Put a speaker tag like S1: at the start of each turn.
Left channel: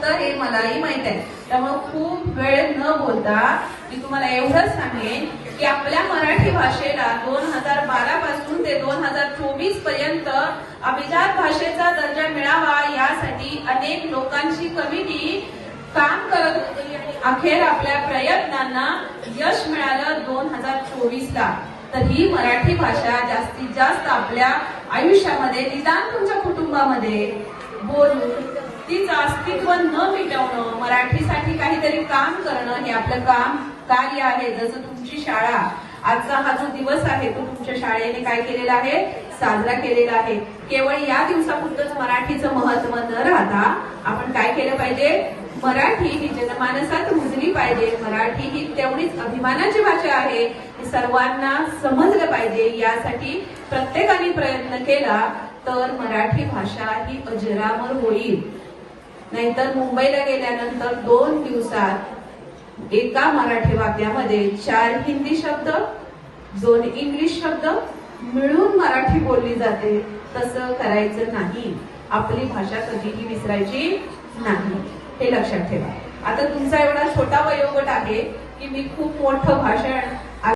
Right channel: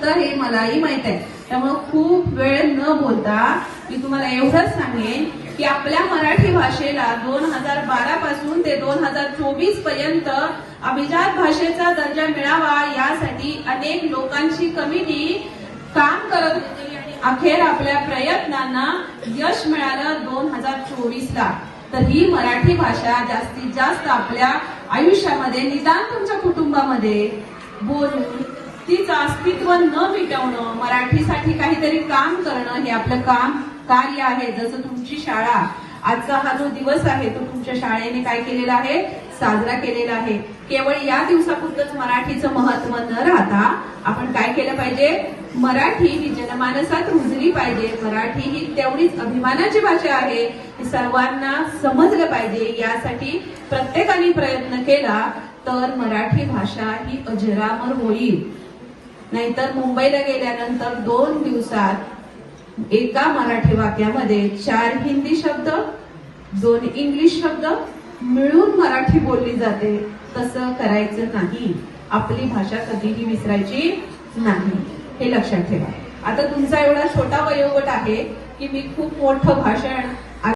S1: असतं हे मलाही माहीत आहे. त्यामुळे खूप वेळ न बोलता मी तुम्हाला एवढंच सांगेन की आपल्या मराठी भाषेला दोन हजार बारा पासून ते दोन हजार चोवीसपर्यंत अभिजात भाषेचा दर्जा मिळावा यासाठी अनेक लोकांची कमिटी काम करत होती आणि अखेर आपल्या प्रयत्नांना यश मिळालं दोन हजार चोवीस ला तर ही मराठी भाषा जास्तीत जास्त आपल्या आयुष्यामध्ये निदान तुमच्या कुटुंबामध्ये बोलून तिचं अस्तित्व न मिटवणं मराठीसाठी काहीतरी काम करणं हे आपलं काम कार्य आहे. जसं तुमची शाळा आजचा हा जो दिवस आहे तो तुमच्या शाळेने काय केलेला आहे? साजरा केलेला आहे. केवळ या दिवसापुरतच मराठीचं महत्त्व न राहता आपण काय केलं पाहिजे? मराठी ही जनमानसात रुजली पाहिजे. मराठी ही तेवढीच अभिमानाची भाषा आहे सर्वांना समजलं पाहिजे. यासाठी प्रत्येकाने प्रयत्न केला तर मराठी भाषा ही अजरामर होईल. नाहीतर मुंबईला गेल्यानंतर दोन दिवसात एका मराठी वाक्यामध्ये चार हिंदी शब्द दोन इंग्लिश शब्द मिळून मराठी बोलली जाते. तसं करायचं नाही. आपली भाषा कधीही विसरायची नाही. हे लक्षात ठेवा. आता तुमचा एवढा छोटा वयोगट आहे की मी खूप मोठं भाषण